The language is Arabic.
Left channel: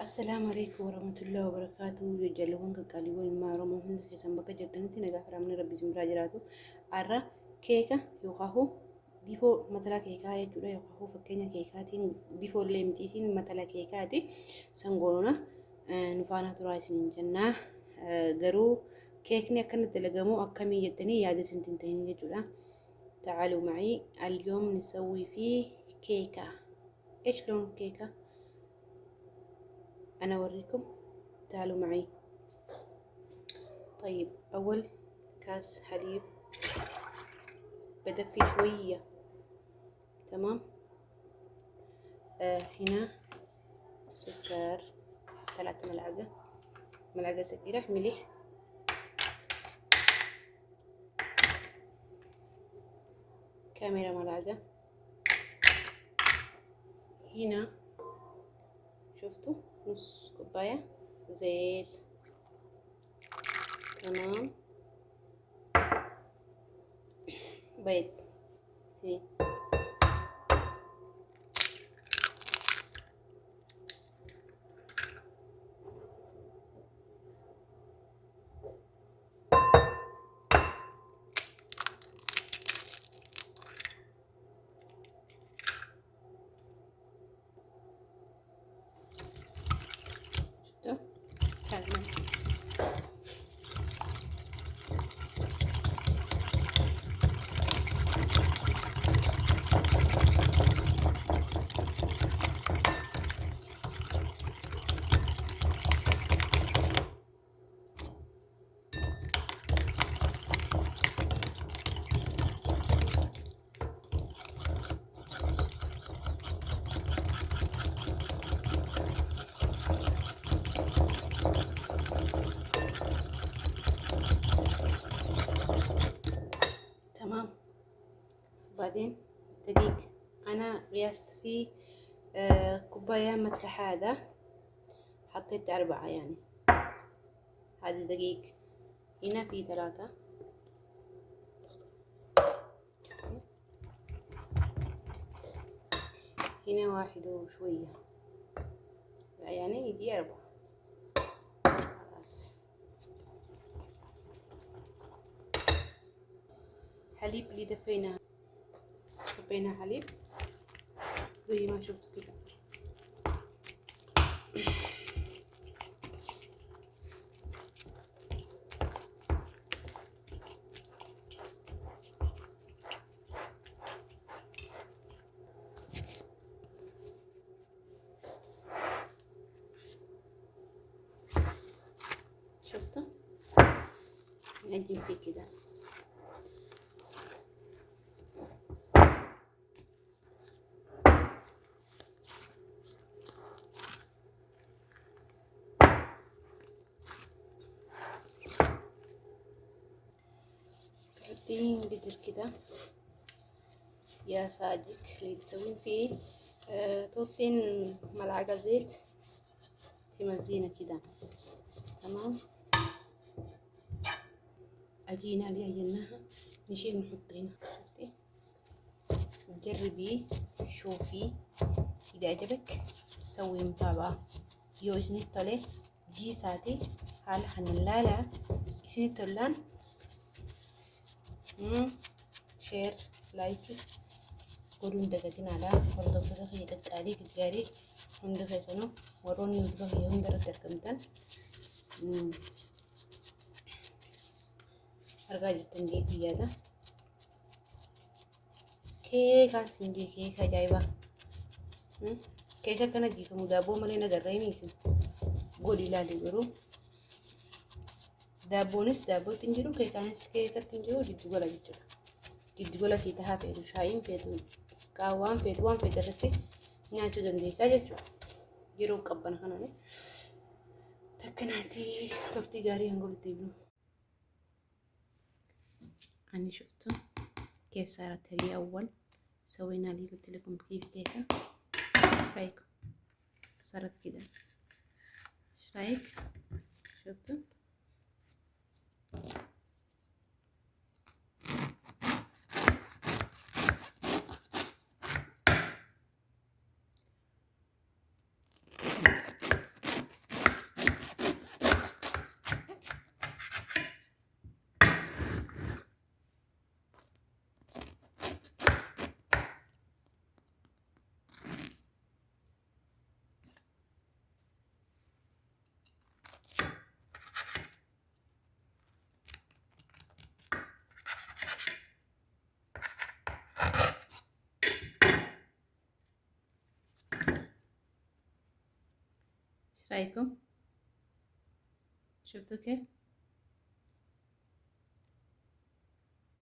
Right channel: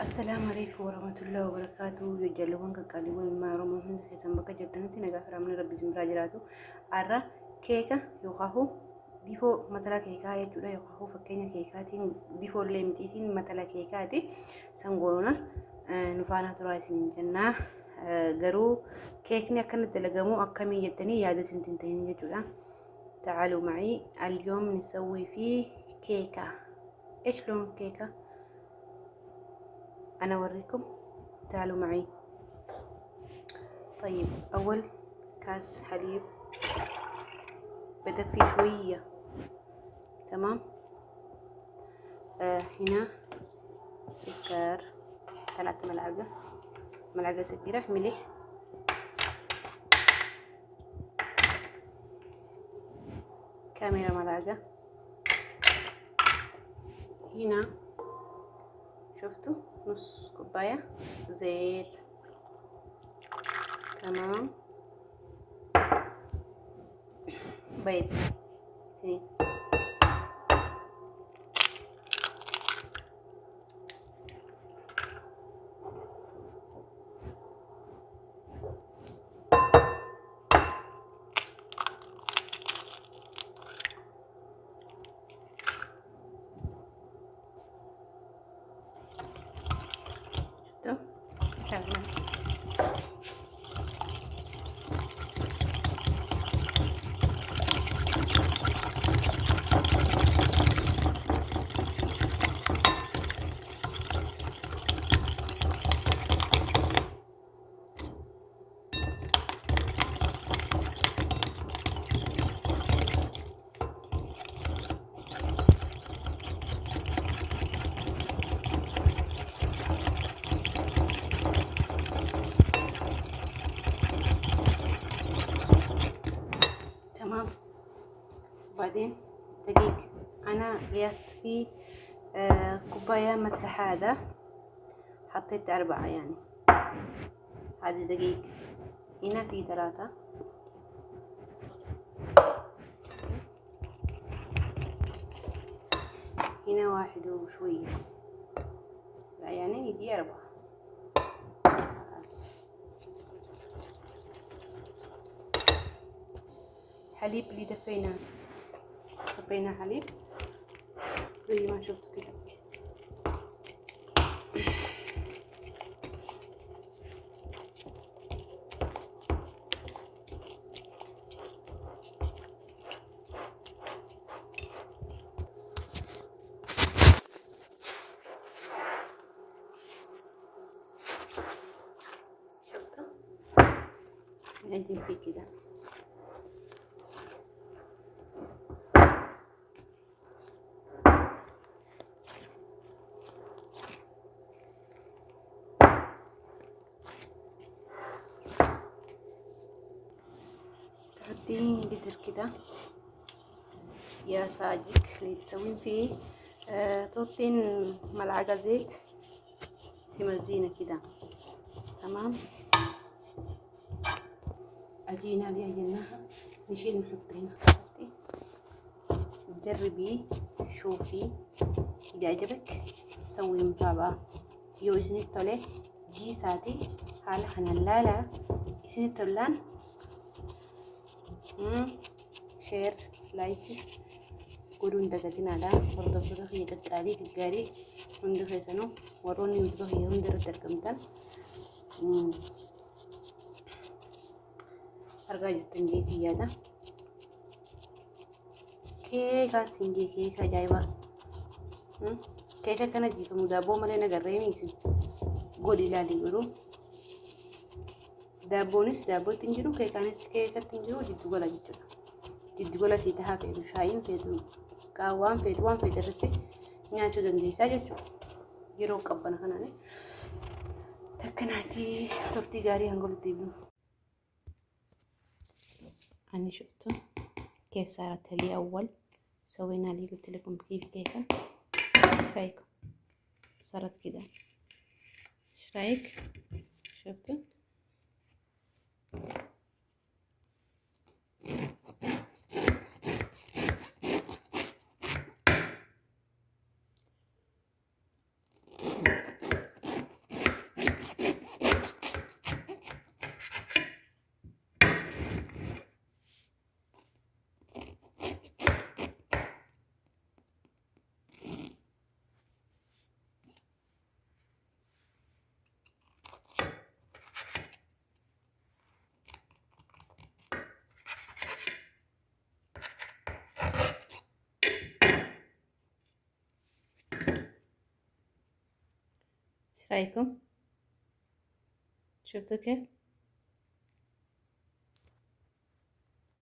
السلام عليكم ورحمة الله وبركاته. جلوان كقاليون ما رموا هند في سنبكة جبتنتي نجاح رامنا ربي زمرا جراتو عرّا كيكة يوخاهو ديفو مثلا كيكة يجودا يوخاهو فكينيا كيكاتين ديفو اللي متيسين مثلا كيكاتي سنقولنا نفانا تراثين جنة جرو كيكني كانت تلقمو أكمل جتني يا سنتين تاني جودا. تعالوا معي اليوم نسوي فيه كيكة. إيش لون كيكة؟ أنا أوريكم، تعالوا معي. طيب أول كاس حليب بدفي شوية، تمام. هنا سكر 3 ملعقة صغيرة، ملح، كاميرا ملعقة. هنا شفتوا نص كوباية زيت، تمام. بيض سنين، شفتوا تعالوا. تمام. وبعدين دقيق، أنا قياست فيه كوباية مثل هذا، حطيت 4 يعني. هذه دقيق، هنا في 3، هنا 1 وشوية، لا يعني يجي 4. خلاص. حليب اللي دفيناه، صبينا حليب زي ما شفتوا كده. شفتوا نقدم فيه كده. تحطين قدر كده يا صاجك اللي تسوين فيه، تحطين ملعقة زيت تمزينه كده، تمام. عجينة اللي عجناها نشيل نحط هنا. جربي شوفي إذا عجبك سوي متابعة. يو إسني تولي جي ساتي حال حنلالا إسني تولان شير لايكس قولون دقاتين على فرض فرض هي دقالي كقاري هند خيسانو وروني ندرو هي هندر دركمتان أرجع جتنجيتي يادا كيكا سنجي كيكا جايبة كيكا كان جيفة مدابو مالينا قريميسي قولي لالي قرو دابونس دابو تنجرو كيكانس كيكا تنجرو جدو قولا جدو قولا سيتها فيدو شاين فيدو قاوان فيدو وان فيدو رتي نياتو دنديسا جدو يرو قبنا خناني تكناتي تورتي غاري هنقول تيبنو. أنا شفتوا كيف صارت لي أول سوينا لي قلت لكم كيف كيكة. ايش رايكم؟ صارت كده، ايش رايك؟ شفتوا رايكم؟ شفتوا كيف؟